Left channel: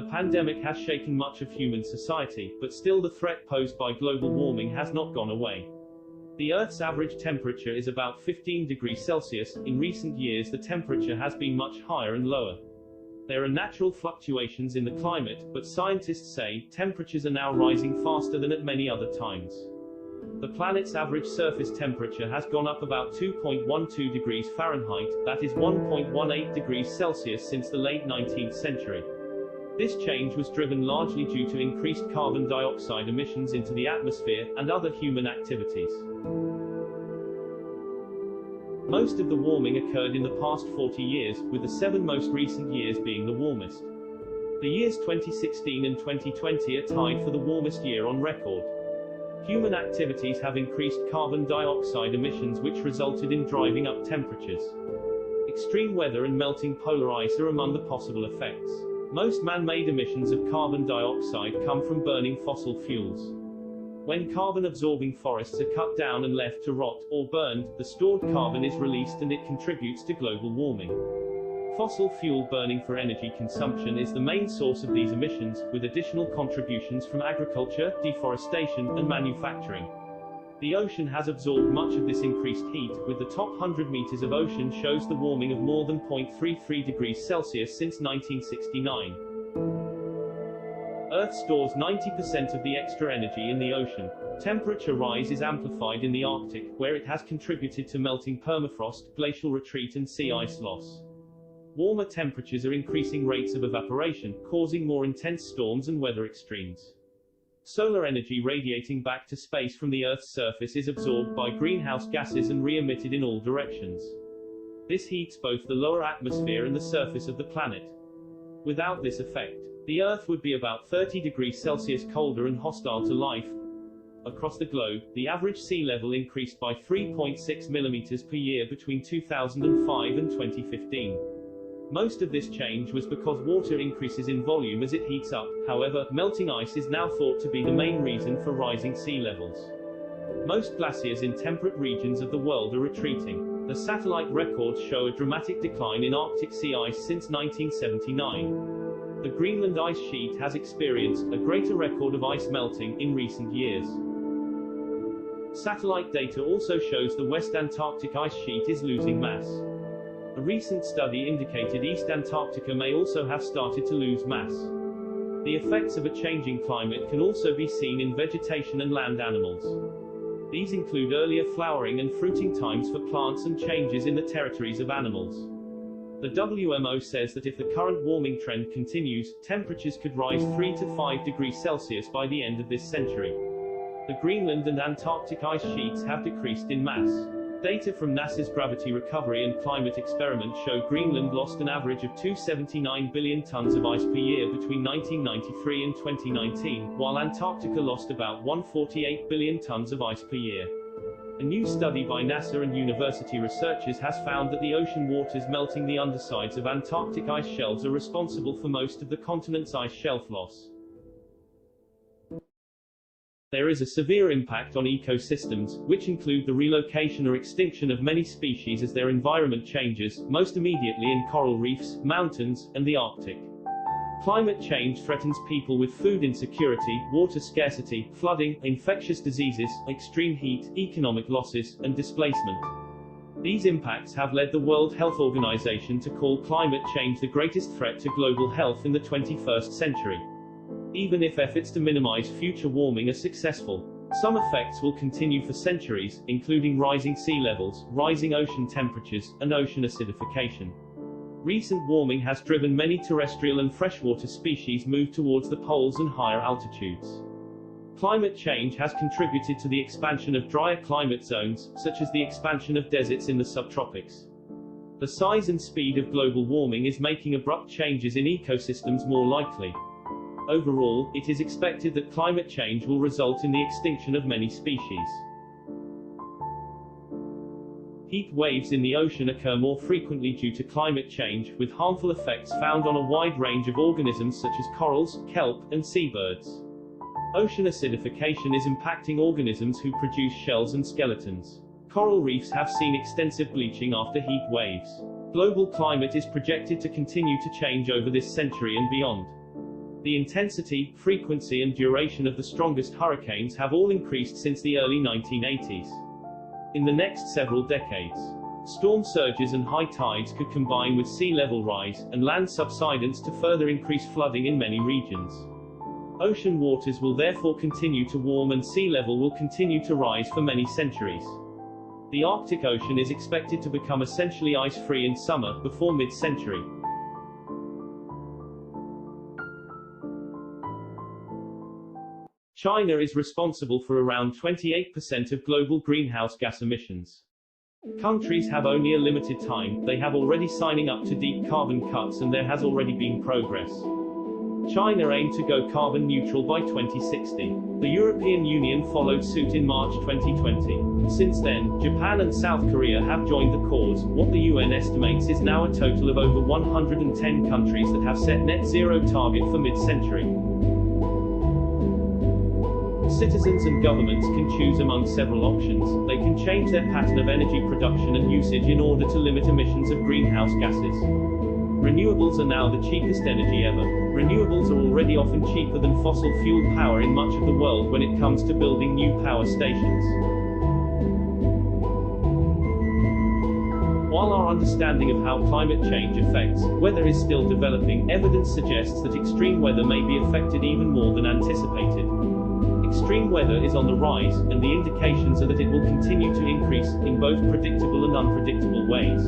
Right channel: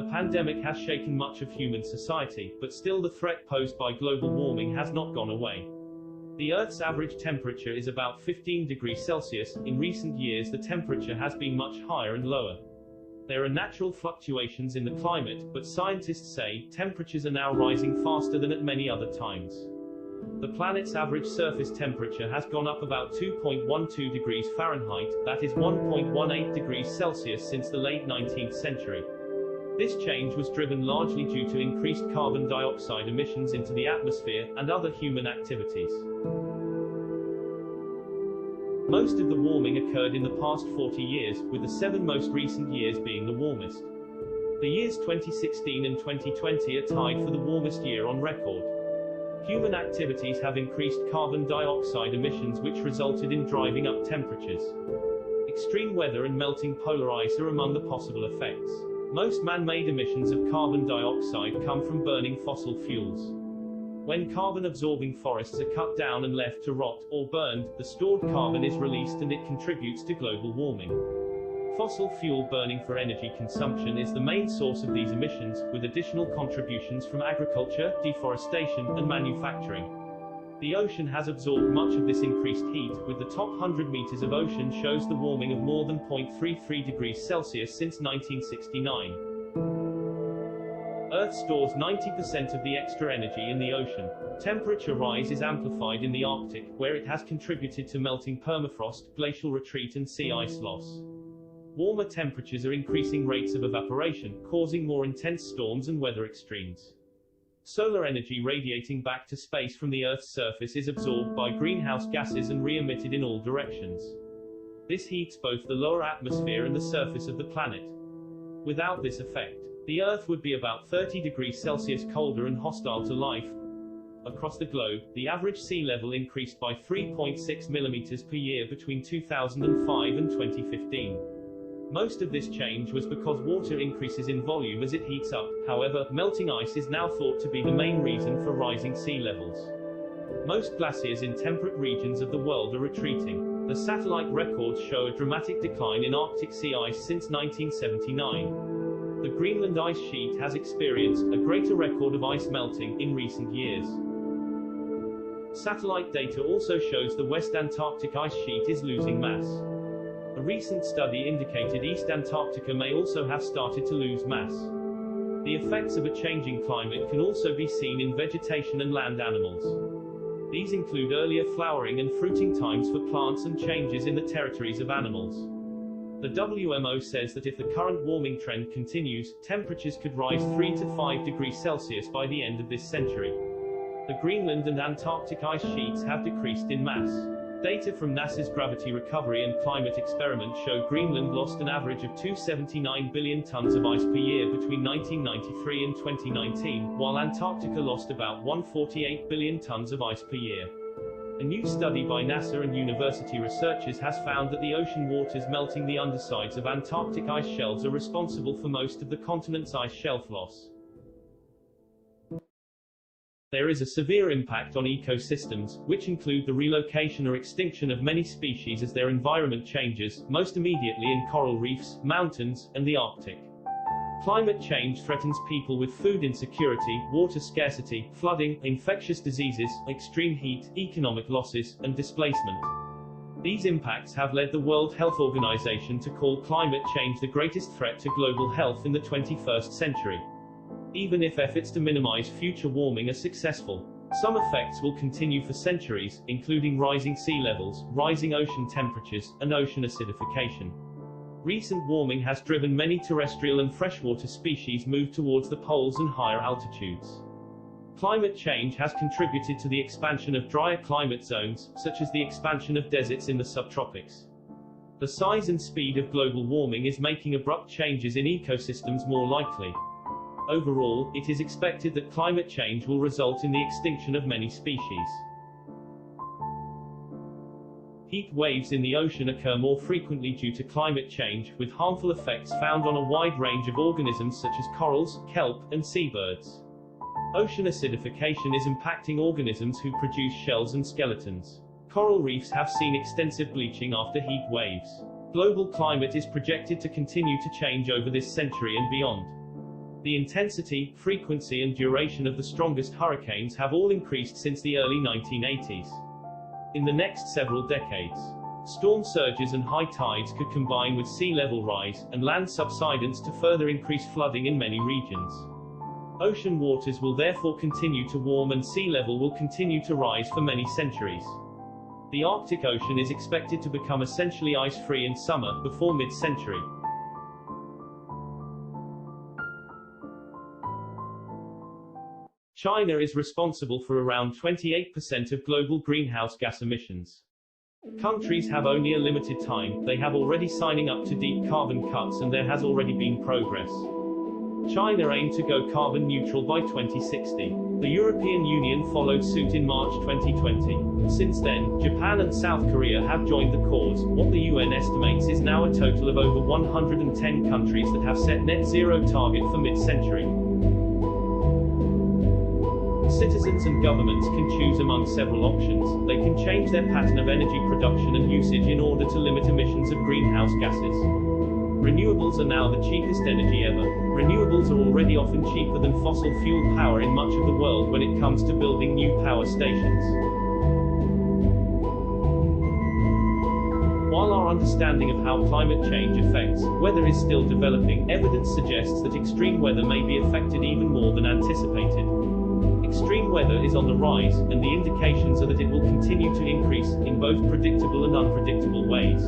The pandemic has shaken much of human society, but still the threat posed by global warming has not gone away. The Earth's average temperature is about 15 degrees Celsius. In recent years the temperature has been much higher and lower. There are natural fluctuations in the climate, but scientists say temperatures are now rising faster than at many other times. The planet's average surface temperature has gone up about 2.12 degrees Fahrenheit, that is 1.18 degrees Celsius, since the late 19th century. This change was driven largely due to increased carbon dioxide emissions into the atmosphere, and other human activities. Most of the warming occurred in the past 40 years, with the 7 most recent years being the warmest. The years 2016 and 2020 are tied for the warmest year on record. Human activities have increased carbon dioxide emissions, which resulted in driving up temperatures. Extreme weather and melting polar ice are among the possible effects. Most man-made emissions of carbon dioxide come from burning fossil fuels. When carbon-absorbing forests are cut down and left to rot, or burned, the stored carbon is released and it contributes to global warming. Fossil fuel burning for energy consumption is the main source of these emissions, with additional contributions from agriculture, deforestation, and manufacturing. The ocean has absorbed much of this increased heat, with the top 100 meters of ocean shows the warming of more than 0.33 degrees Celsius since 1969. Earth stores 90% of the extra energy in the ocean. Temperature rise is amplified in the Arctic, where it has contributed to melting permafrost, glacial retreat and sea ice loss. Warmer temperatures are increasing rates of evaporation, causing more intense storms and weather extremes. Solar energy radiating back to space from the Earth's surface is absorbed by greenhouse gases and re-emitted in all directions. This heats both the lower atmosphere and the surface of the planet. Without this effect, the Earth would be about 30 degrees Celsius colder and hostile to life. Across the globe, the average sea level increased by 3.6 millimeters per year between 2005 and 2015. Most of this change was because water increases in volume as it heats up. However, melting ice is now thought to be the main reason for rising sea levels. Most glaciers in temperate regions of the world are retreating. The satellite records show a dramatic decline in Arctic sea ice since 1979. The Greenland ice sheet has experienced a greater record of ice melting in recent years. Satellite data also shows the West Antarctic ice sheet is losing mass. A recent study indicated East Antarctica may also have started to lose mass. The effects of a changing climate can also be seen in vegetation and land animals. These include earlier flowering and fruiting times for plants and changes in the territories of animals. The WMO says that if the current warming trend continues, temperatures could rise 3 to 5 degrees Celsius by the end of this century. The Greenland and Antarctic ice sheets have decreased in mass. Data from NASA's Gravity Recovery and Climate Experiment show Greenland lost an average of 279 billion tons of ice per year between 1993 and 2019, while Antarctica lost about 148 billion tons of ice per year. A new study by NASA and university researchers has found that the ocean waters melting the undersides of Antarctic ice shelves are responsible for most of the continent's ice shelf loss. There is a severe impact on ecosystems, which include the relocation or extinction of many species as their environment changes, most immediately in coral reefs, mountains, and the Arctic. Climate change threatens people with food insecurity, water scarcity, flooding, infectious diseases, extreme heat, economic losses, and displacement. These impacts have led the World Health Organization to call climate change the greatest threat to global health in the 21st century. Even if efforts to minimize future warming are successful, some effects will continue for centuries, including rising sea levels, rising ocean temperatures, and ocean acidification. Recent warming has driven many terrestrial and freshwater species move towards the poles and higher altitudes. Climate change has contributed to the expansion of drier climate zones, such as the expansion of deserts in the subtropics. The size and speed of global warming is making abrupt changes in ecosystems more likely. Overall, it is expected that climate change will result in the extinction of many species. Heat waves in the ocean occur more frequently due to climate change, with harmful effects found on a wide range of organisms such as corals, kelp, and seabirds. Ocean acidification is impacting organisms who produce shells and skeletons. Coral reefs have seen extensive bleaching after heat waves. Global climate is projected to continue to change over this century and beyond. The intensity, frequency and duration of the strongest hurricanes have all increased since the early 1980s. In the next several decades, storm surges and high tides could combine with sea level rise and land subsidence to further increase flooding in many regions. Ocean waters will therefore continue to warm and sea level will continue to rise for many centuries. The Arctic Ocean is expected to become essentially ice-free in summer, before mid-century. China is responsible for around 28% of global greenhouse gas emissions. Countries have only a limited time, they have already signing up to deep carbon cuts and there has already been progress. China aimed to go carbon neutral by 2060. The European Union followed suit in March 2020. Since then, Japan and South Korea have joined the cause. What the UN estimates is now a total of over 110 countries that have set net zero target for mid-century. Citizens and governments can choose among several options. They can change their pattern of energy production and usage in order to limit emissions of greenhouse gases. Renewables are now the cheapest energy ever. Renewables are already often cheaper than fossil fuel power in much of the world when it comes to building new power stations. While our understanding of how climate change affects weather is still developing, evidence suggests that extreme weather may be affected even more than anticipated. Extreme weather is on the rise, and the indications are that it will continue to increase, in both predictable and unpredictable ways.